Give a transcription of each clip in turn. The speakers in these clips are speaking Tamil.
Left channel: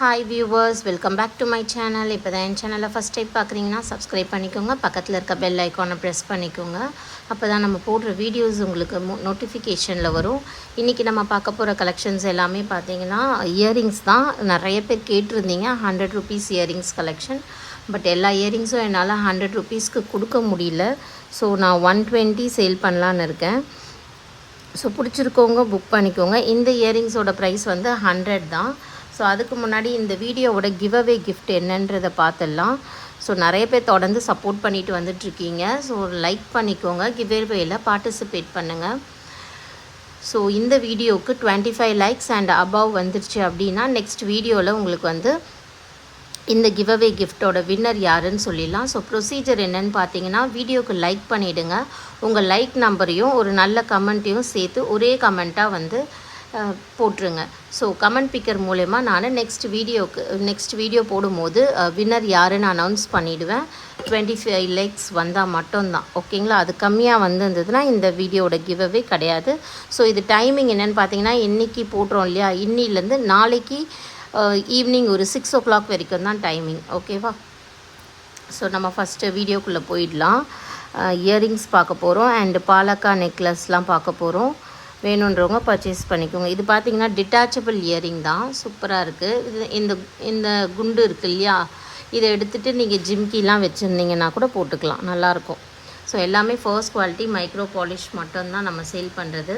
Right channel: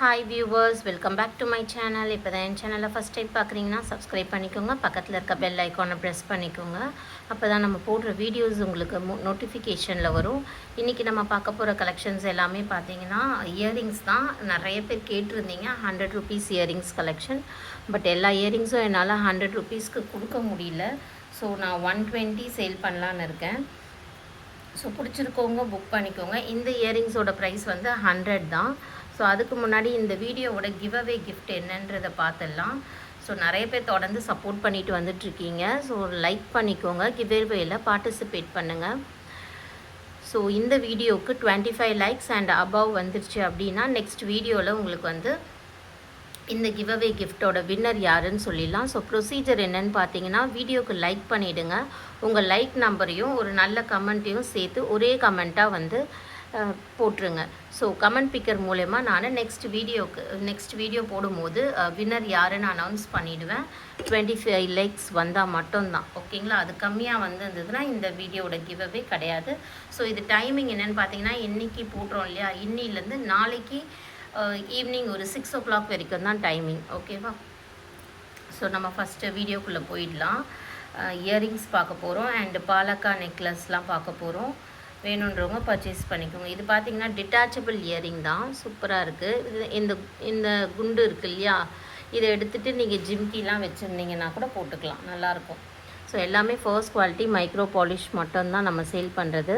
Hi viewers, welcome back to my channel. இப்போ தான் என் சேனலில் ஃபஸ்ட் டைம் பார்க்குறீங்கன்னா சப்ஸ்கிரைப் பண்ணிக்கோங்க. பக்கத்தில் இருக்க பெல் ஐக்கானை ப்ரெஸ் பண்ணிக்கோங்க. அப்போ தான் நம்ம போடுற வீடியோஸ் உங்களுக்கு நோட்டிஃபிகேஷனில் வரும். இன்றைக்கி நம்ம பார்க்க போகிற கலெக்ஷன்ஸ் எல்லாமே பார்த்தீங்கன்னா இயரிங்ஸ் தான். நிறைய பேர் கேட்டிருந்தீங்க 100 ருபீஸ் இயரிங்ஸ் கலெக்ஷன். பட் எல்லா இயரிங்ஸும் என்னால் 100 ருபீஸ்க்கு கொடுக்க முடியல. ஸோ நான் 120 சேல் பண்ணலான்னு இருக்கேன். ஸோ பிடிச்சிருக்கவங்க புக் பண்ணிக்கோங்க. இந்த இயரிங்ஸோட ப்ரைஸ் வந்து 100 தான். ஸோ அதுக்கு முன்னாடி இந்த வீடியோவோட கிவ்அவே கிஃப்ட் என்னன்றதை பார்த்துடலாம். ஸோ நிறைய பேர் தொடர்ந்து சப்போர்ட் பண்ணிட்டு வந்துட்ருக்கீங்க. ஸோ லைக் பண்ணிக்கோங்க, கிவ்அவேயில் பார்ட்டிசிபேட் பண்ணுங்கள். ஸோ இந்த வீடியோவுக்கு 25 லைக்ஸ் அண்ட் அபவ் வந்துருச்சு அப்படின்னா நெக்ஸ்ட் வீடியோவில் உங்களுக்கு வந்து இந்த கிவ்அவே கிஃப்டோட வின்னர் யாருன்னு சொல்லிடலாம். ஸோ ப்ரொசீஜர் என்னன்னு பார்த்தீங்கன்னா, வீடியோக்கு லைக் பண்ணிவிடுங்க. உங்கள் லைக் நம்பரையும் ஒரு நல்ல கமெண்ட்டையும் சேர்த்து ஒரே கமெண்ட்டாக வந்து போட்டுருங்க. ஸோ கமெண்ட் பிக்கர் மூலயமா நான் நெக்ஸ்ட் வீடியோ போடும்போது வின்னர் யாருன்னு அனௌன்ஸ் பண்ணிவிடுவேன். 25 லைக்ஸ் வந்தால் மட்டும்தான், ஓகேங்களா? அது கம்மியாக வந்திருந்ததுன்னா இந்த வீடியோட கிவ்அவே கிடையாது. ஸோ இது டைமிங் என்னென்னு பார்த்தீங்கன்னா, இன்றைக்கி போட்டுறோம் இல்லையா, இன்னிலேருந்து நாளைக்கு ஈவினிங் ஒரு 6 o'clock வரைக்கும் தான் டைமிங், ஓகேவா? ஸோ நம்ம ஃபஸ்ட்டு வீடியோக்குள்ளே போயிடலாம். இயரிங்ஸ் பார்க்க போகிறோம் அண்டு பாலக்கா நெக்லஸ்லாம் பார்க்க போகிறோம். வேணுன்றவங்க பர்ச்சேஸ் பண்ணிக்கோங்க. இது பார்த்திங்கன்னா டிட்டாச்சபிள் இயரிங் தான், சூப்பராக இருக்குது. இது இந்த குண்டு இருக்குது இல்லையா, இதை எடுத்துகிட்டு நீங்கள் ஜிம்கிலாம் வச்சுருந்தீங்கன்னா கூட போட்டுக்கலாம், நல்லாயிருக்கும். ஸோ எல்லாமே ஃபர்ஸ்ட் குவாலிட்டி மைக்ரோ பாலிஷ் மட்டும்தான் நம்ம சேல் பண்ணுறது.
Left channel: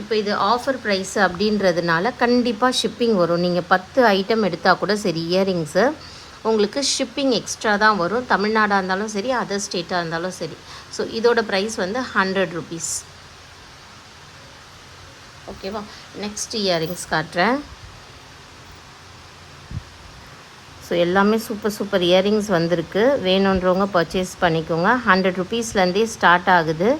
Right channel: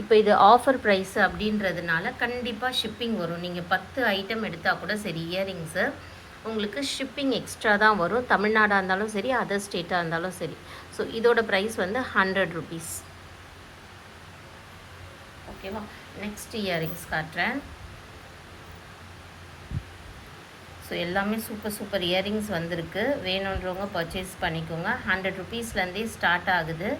இப்போ இது ஆஃபர் ப்ரைஸ் அப்படின்றதுனால கண்டிப்பாக ஷிப்பிங் வரும். நீங்கள் 10 ஐட்டம் எடுத்தால் கூட சரி இயரிங்ஸு, உங்களுக்கு ஷிப்பிங் எக்ஸ்ட்ரா தான் வரும். தமிழ்நாடாக இருந்தாலும் சரி, அதர் ஸ்டேட்டாக இருந்தாலும் சரி. ஸோ இதோட ப்ரைஸ் வந்து 100 ருபீஸ், ஓகேவா? நெக்ஸ்ட் இயரிங்ஸ் காட்டுறேன். ஸோ எல்லாமே சூப்பர் இயரிங்ஸ் வந்திருக்கு. வேணுன்றவங்க பர்ச்சேஸ் பண்ணிக்கோங்க. 100 ருபீஸ்லேருந்தே ஸ்டார்ட் ஆகுது.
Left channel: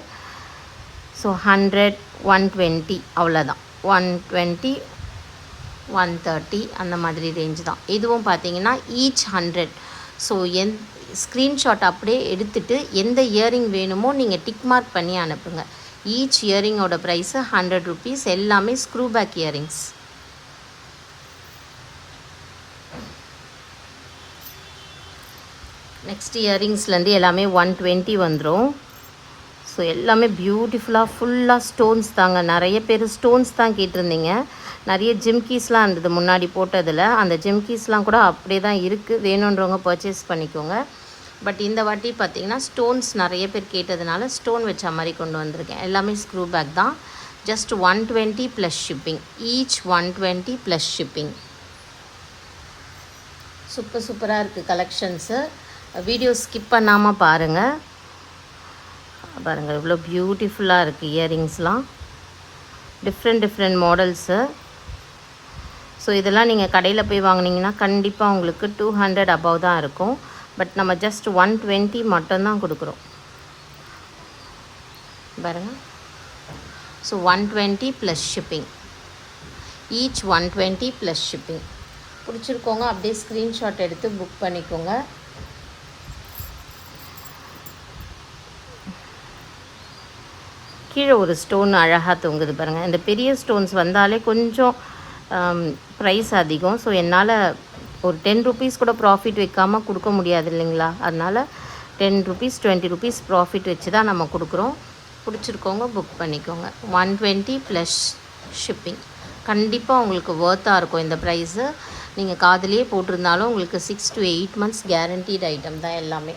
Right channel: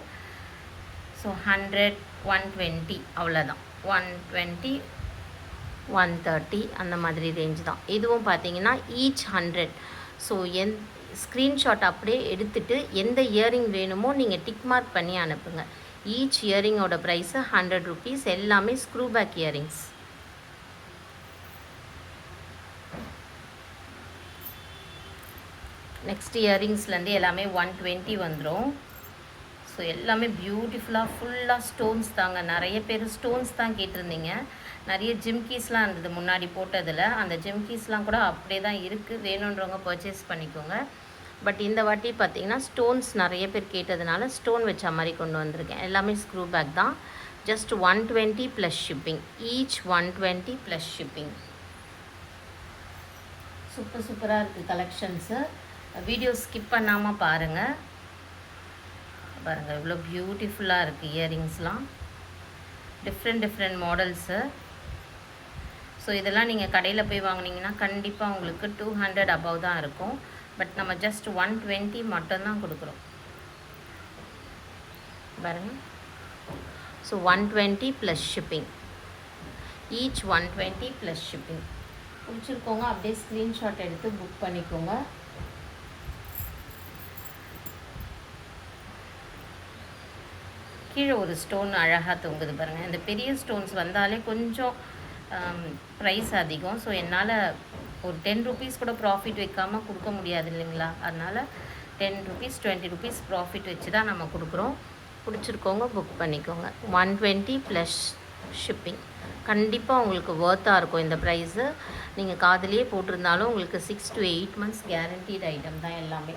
ஸோ 100, 120 அவ்வளோதான். 120, 130 அந்த மாதிரி ரேஞ்ச் தான். இதுவும் பார்த்தீங்கன்னா ஈச் 100. ஸோ ஸ்க்ரீன்ஷாட் அப்படியே எடுத்துகிட்டு எந்த இயரிங் வேணுமோ நீங்கள் டிக் மார்க் பண்ணி அனுப்புங்க. ஈச் இயரிங்கோட ப்ரைஸு 100 ருபீஸ். எல்லாமே ஸ்க்ரூ பேக் இயரிங்ஸ். நெக்ஸ்ட் இயரிங்ஸ்லேருந்து எல்லாமே 120 வந்துடும். ஸோ எல்லாமே பியூட்டிஃபுல்லாக ஃபுல்லாக ஸ்டோன்ஸ் தாங்க. நிறைய பேர் ஸ்டோன்ஸ் தான் கேட்டிருந்தீங்க. நிறைய ஜிம்கீஸ்லாம் இருந்தது முன்னாடி போட்டதில். அந்த ஜிம்கீஸ்லாம் கூட அப்படியே தான் இருக்குது. வேணுன்றவங்க பர்ச்சேஸ் பண்ணிக்கோங்க. பட் இந்த வாட்டி பார்த்திங்கன்னா ஸ்டோன்ஸ் நிறைய பேர் கேட்டதுனால ஸ்டோன் வச்ச மாதிரி கொண்டு வந்திருக்கேன். எல்லாமே ஸ்க்ரூ பேக் தான். Just 120 plus shipping. Each 120 plus shipping. சூப்பராக இருக்குது கலெக்ஷன்ஸு. வீடியோ ஸ்கிப் பண்ணாமல் பாருங்கள். இவ்வளோ பியூட்டிஃபுல்லாக இருக்குது இயரிங்ஸ்லாம். Different models. ஸோ இதெல்லாம் நீங்கள் கடையில் போய் வாங்கினீங்கன்னா கண்டிப்பாக உங்களுக்கு 200 அபவ் தான் இருக்கும். பட் நம்ம ஜஸ்ட் 120 மட்டும்தான் கொடுக்குறோம் பாருங்கள். So 120 plus shipping. Each 120 plus shipping. பிடிச்சிருக்கோங்க அப்படியே ஸ்க்ரீன்ஷாட் எடுத்து புக் பண்ணிக்கோங்க. கீழே ஒரு ஸ்டோன் அழகாக தொங்குது பாருங்கள். இந்த பெரிய ஸ்டோன்ஸ் வந்தாலே கொஞ்சம் ப்ரைஸ் அதிகம். ஸோ என்னால் ஒரு 10 ருபீஸ் கூட ப்ராஃபிட் வைக்காமல் கொடுக்க முடியாது இல்லைங்களா? அதனால் 10 ருபீஸ் 20 ருபீஸ் ப்ராஃபிட் வச்சு தான் நம்ம கொடுக்குறோம். பிடிச்சிருக்கோங்க புக் பண்ணிக்கோங்க. 120 ப்ளஸ் ஷிப்பிங். கண்டிப்பாக உங்களுக்கு ஒர்த்தாக இருக்கும் இந்த ப்ரைஸு. நீங்கள் காதிலே போட்டிருந்தாலும் உங்களுக்கு 6 to 8 months கேரண்டீட் ஐட்டம் தான் எல்லாமே.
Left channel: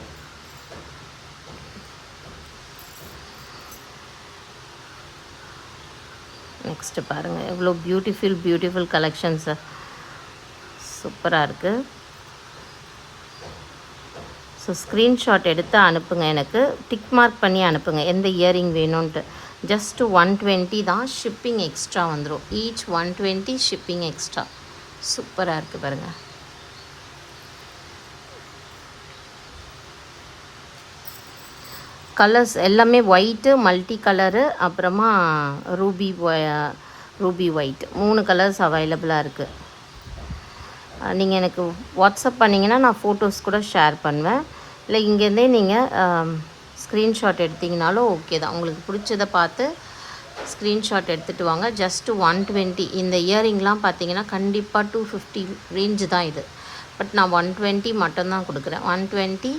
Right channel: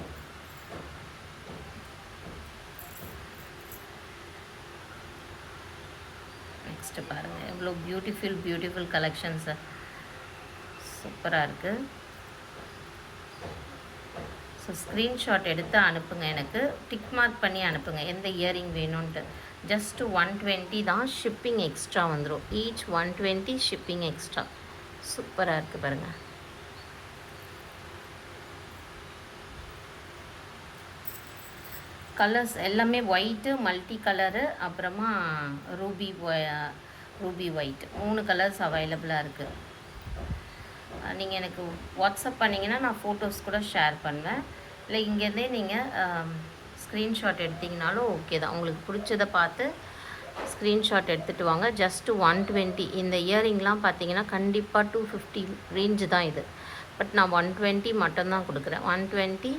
நெக்ஸ்ட்டு பாருங்கள், எவ்வளோ பியூட்டிஃபுல் கலெக்ஷன்ஸு. சூப்பராக இருக்குது. ஸோ ஸ்க்ரீன்ஷாட் எடுத்து அனுப்புங்க. எனக்கு டிக் மார்க் பண்ணி அனுப்புங்க எந்த இயரிங் வேணும்ன்ட்டு. ஜஸ்ட்டு 120 தான். ஷிப்பிங் எக்ஸ்ட்ரா வந்துடும். Each 120 shipping extra. சூப்பராக இருக்குது பாருங்கள். கலர்ஸ் எல்லாமே ஒயிட்டு, மல்டி கலரு, அப்புறமா ரூபி ஒயிட், 3 கலர்ஸ் அவைலபிளாக இருக்குது. நீங்கள் எனக்கு வாட்ஸ்அப் பண்ணிங்கன்னா நான் ஃபோட்டோஸ் கூட ஷேர் பண்ணுவேன். இல்லை இங்கேருந்தே நீங்கள் ஸ்க்ரீன்ஷாட் எடுத்திங்கனாலும் ஓகே தான். உங்களுக்கு பிடிச்சதை பார்த்து ஸ்க்ரீன்ஷாட் எடுத்துகிட்டு வாங்க. ஜஸ்ட்டு 120. இந்த இயரிங்லாம் பார்த்தீங்கன்னா கண்டிப்பாக 250 ரேஞ்சு தான் இது. பட் நான் 120 மட்டும்தான் கொடுக்குறேன். 120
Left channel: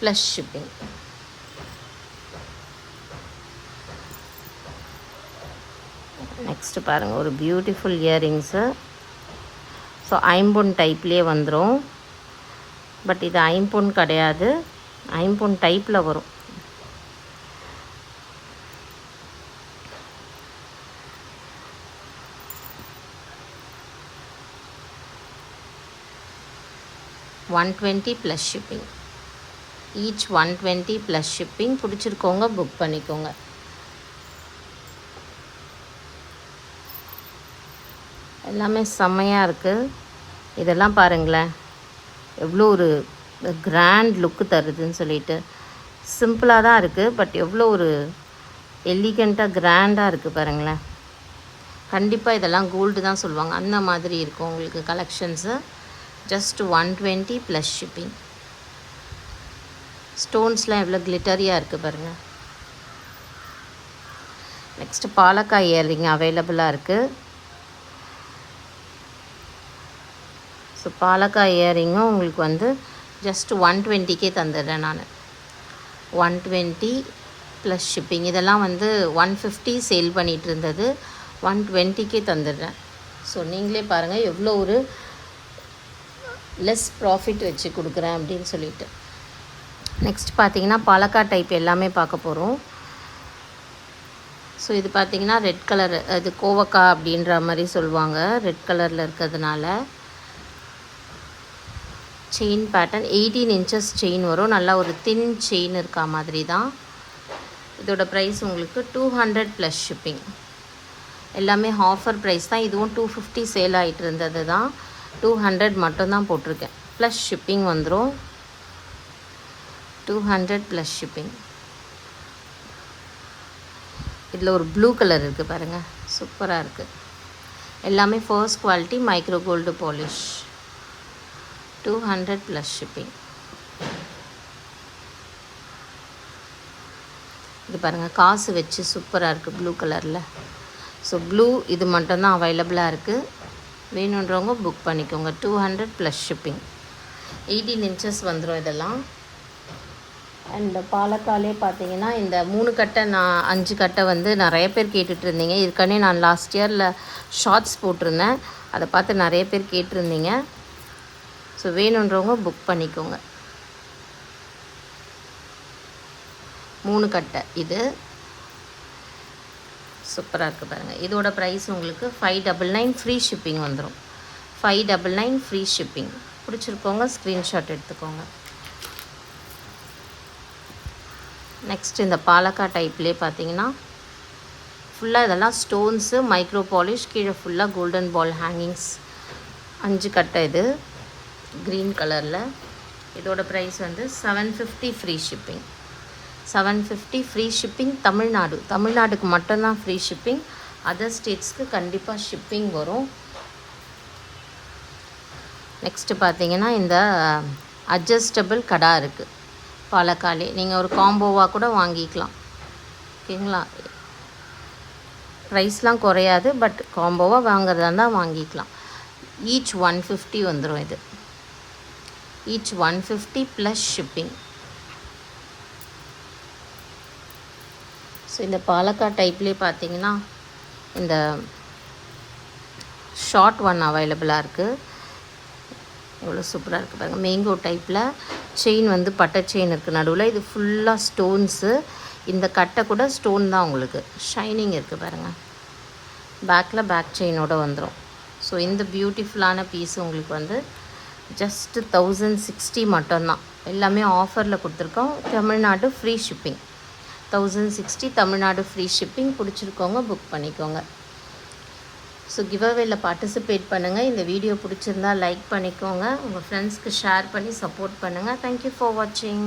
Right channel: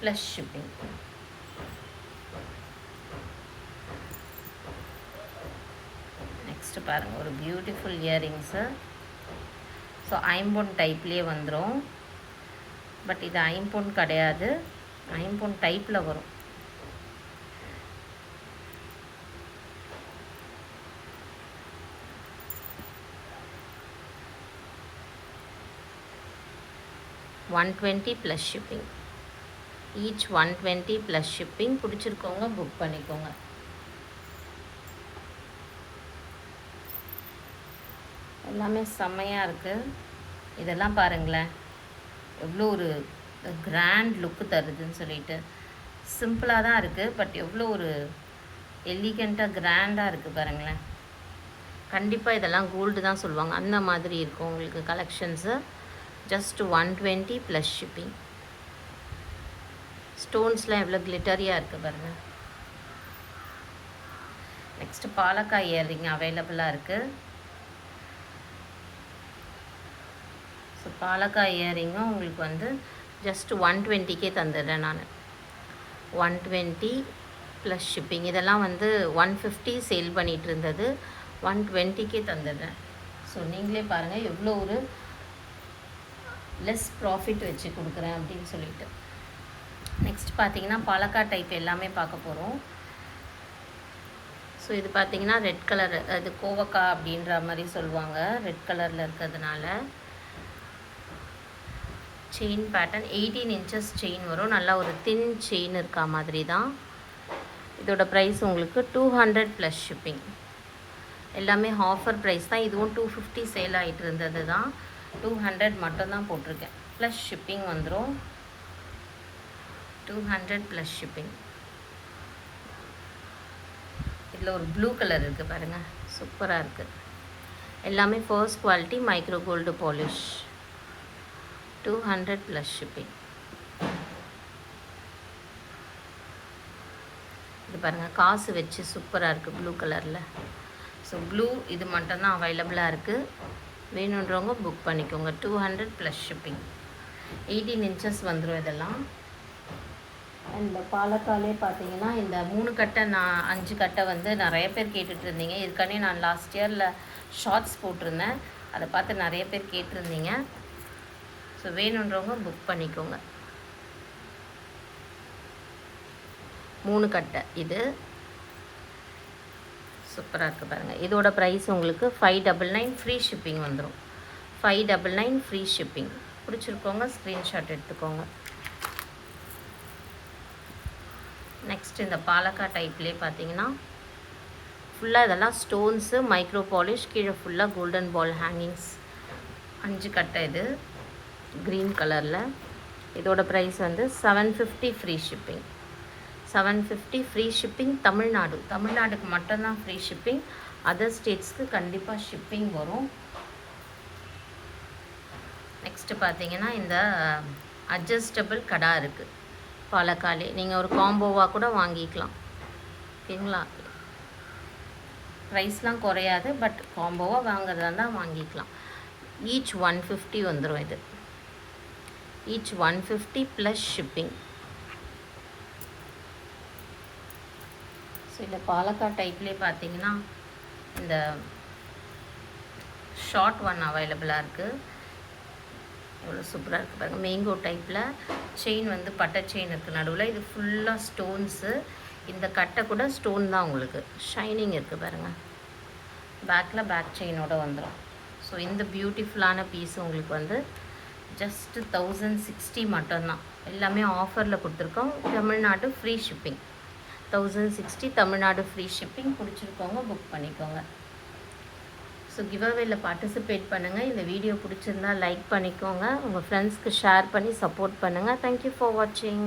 ப்ளஸ் ஷிப்பிங். நெக்ஸ்ட்டு பாருங்கள், ஒரு பியூட்டிஃபுல் இயரிங்ஸு. ஸோ ஐம்பொன் டைப்லேயே வந்துடும். பட் இது ஐம்பொன் கிடையாது, ஐம்பொன் டைப்பில் வரும். $120 plus shipping. Each 120 plus shipping. பிடிச்சிருக்கோங்க புக் பண்ணிக்கோங்க. எல்லாமே செம்மையாக இருக்குது. இதெல்லாம் பாருங்களேன் எவ்வளோ ஒரு கிராண்ட் லுக்கு தருதுன்னு சொல்லிட்டு. சிம்பிளாக தான் இருக்குது, பட் எவ்வளோ ஒரு எலிகண்ட்டாக கிராண்டாக இருக்குது பாருங்களேன். கண்டிப்பாக இதெல்லாம் கோல்டு தான் சொல்லுவாங்க, அந்த மாதிரி இருக்கும் உங்களுக்கு கலெக்ஷன்ஸு. Just 120 plus shipping. ஸ்டோன்ஸ்லாம் எவ்வளோ கிளிட்டரியாக இருக்குது பாருங்கள். நெக்ஸ்ட்டு பாலக்காய் இயரிங் அவைலபிளாக இருக்குது. ஸோ பாலக்காய் இயரிங்கும் உங்களுக்கு வந்து ஜஸ்ட் 120க்கே தந்துடுறேன் நான். 120 ப்ளஸ் ஷிப்பிங். இதெல்லாம் வந்து 150 சேல் பண்ணிகிட்டு இருந்தது, 120க்கே தந்துடுறேன். ஸோ நீங்களே பாருங்கள் எவ்வளோ ஒரு லெஸ் ப்ராஃபிட் வச்சு கொடுக்குறேன் அப்படின்னு சொல்லிட்டு. நெக்ஸ்ட் பார்த்தீங்கன்னா பாலக்காய் டைப் எல்லாமே பார்க்க போகிறோம். ஸோ இது பார்த்திங்கன்னா ரெட் கலர், அது கோவக்காய் அப்படின்ற மாதிரி சொல்லுவாங்க, ரெட் கலரில் இருக்கிறதுனால. செயின் பேட்டர்ன் 18 inches செயின் வரும். நல்லா ஒரு தின் செயின் இருக்கா மாதிரி தான். இதோட ப்ரைஸ் உங்களுக்கு 200 ப்ளஸ் ஷிப்பிங். எல்லாமே ஆஃபர் ப்ரைஸ் தான். இதுவும் 250 சேல் ஆகிட்டு இருந்தது தான், 200 மட்டும்தான் போட்டிருக்கேன். ப்ளஸ் ஷிப்பிங் வந்துடும். 200 ப்ளஸ் ஷிப்பிங். இதில் ஒரு ப்ளூ கலர் இருக்குது பாருங்கள், சூப்பராக இருக்குது. எல்லாமே first quality micro gold polish. 200 plus shipping. இது பாருங்கள் காசு வச்சு சூப்பராக இருக்குது ப்ளூ கலரில். ஸோ ப்ளூ இது மட்டும்தான் அவைலபிளாக இருக்குது. வேணுன்றவங்க புக் பண்ணிக்கோங்க. 200 ப்ளஸ் ஷிப்பிங். 18 inches வந்துடும் இதெல்லாம். அண்ட் பாலக்காலே பார்த்தீங்கன்னா இந்த 3 கட்டை, நான் 5 கட்டை வந்து நிறைய பேர் கேட்டுட்டு இருந்தீங்க. இதுக்கானே நான் லாஸ்ட் இயரில் ஷார்ட்ஸ் போட்டிருந்தேன், அதை பார்த்து நிறைய பேர் கேட்டிருந்தீங்க. ஸோ வேணுன்றவங்க புக் பண்ணிக்கோங்க. 3 கட்டை இது சூப்பராக இருக்குது பாருங்கள். இதோட ப்ரைஸ் உங்களுக்கு 599 ஃப்ரீ ஷிப்பிங் வந்துடும். 599 ஃப்ரீ ஷிப்பிங். பிடிச்சிருக்கோங்க ஸ்க்ரீன்ஷாட் எடுத்துக்கோங்க. நெக்ஸ்ட் இந்த பாலக்காய் டைப்லேயே பார்த்தீங்கன்னா ஃபுல்லாக இதெல்லாம் ஸ்டோன்ஸு, மைக்ரோ பாலிஷ், கீழே ஃபுல்லாக கோல்டன் பால் ஹேங்கிங்ஸ். 5 கட்டை இது க்ரீன் கலரில். இதோட ப்ரைஸ் வந்து 750 ஃப்ரீ ஷிப்பிங். 750 free shipping. தமிழ்நாடுக்கு மட்டும்தான் ஃப்ரீ ஷிப்பிங். அதர் ஸ்டேட்ஸ்க்கு கண்டிப்பாக ஷிப்பிங் வரும். நெக்ஸ்ட்டு பார்த்தீங்கன்னா இந்த அட்ஜஸ்டபிள் கடா இருக்குது பாலக்காலே. நீங்கள் ஒரு காம்போவாக கூட வாங்கிக்கலாம், ஓகேங்களா. ப்ரைஸ்லாம் குறையாது, பட் காம்போவாக வாங்குறதா இருந்தால் வாங்கிக்கலாம். ஈச் 150 வந்துடும் இது. Each 150 plus shipping. ஸோ இந்த பாலக்காய் டைப்லேயே பார்த்தீங்கன்னா இந்த ஷார்ட் ஒன் அவைலபிளாக இருக்குது. எவ்வளோ சூப்பராக இருக்குது பாருங்கள். மேங்கோ டைப்பில் செயின் வந்து பட்டை செயின் இருக்குது நடுவில். இது ஃபுல்லாக ஸ்டோன்ஸு. இந்த கட்டை கூட ஸ்டோன் தான் உங்களுக்கு. ஷைனிங் இருக்குது பாருங்கள். பேக்கில் பேக் செயினோடு வந்துடும். ஸோ இந்த பியூட்டிஃபுல்லான பீஸ் உங்களுக்கு வந்து ஜஸ்ட்டு 1060 மட்டும்தான். எல்லாமே ஆஃபரில் கொடுத்துருக்கோம். Tamil Nadu free shipping. 1060 Tamil Nadu free shipping. பிடிச்சிருக்கோங்க புக் பண்ணிக்கோங்க. ஸோ கிவ்அவேல பார்ட்டிசிபேட் பண்ணுங்கள். இந்த வீடியோ பிடிச்சிருந்தா லைக் பண்ணிக்கோங்க. உங்கள் ஃப்ரெண்ட்ஸ்க்கு ஷேர் பண்ணி சப்போர்ட் பண்ணுங்கள். தேங்க்யூ ஃபார் வாட்சிங்.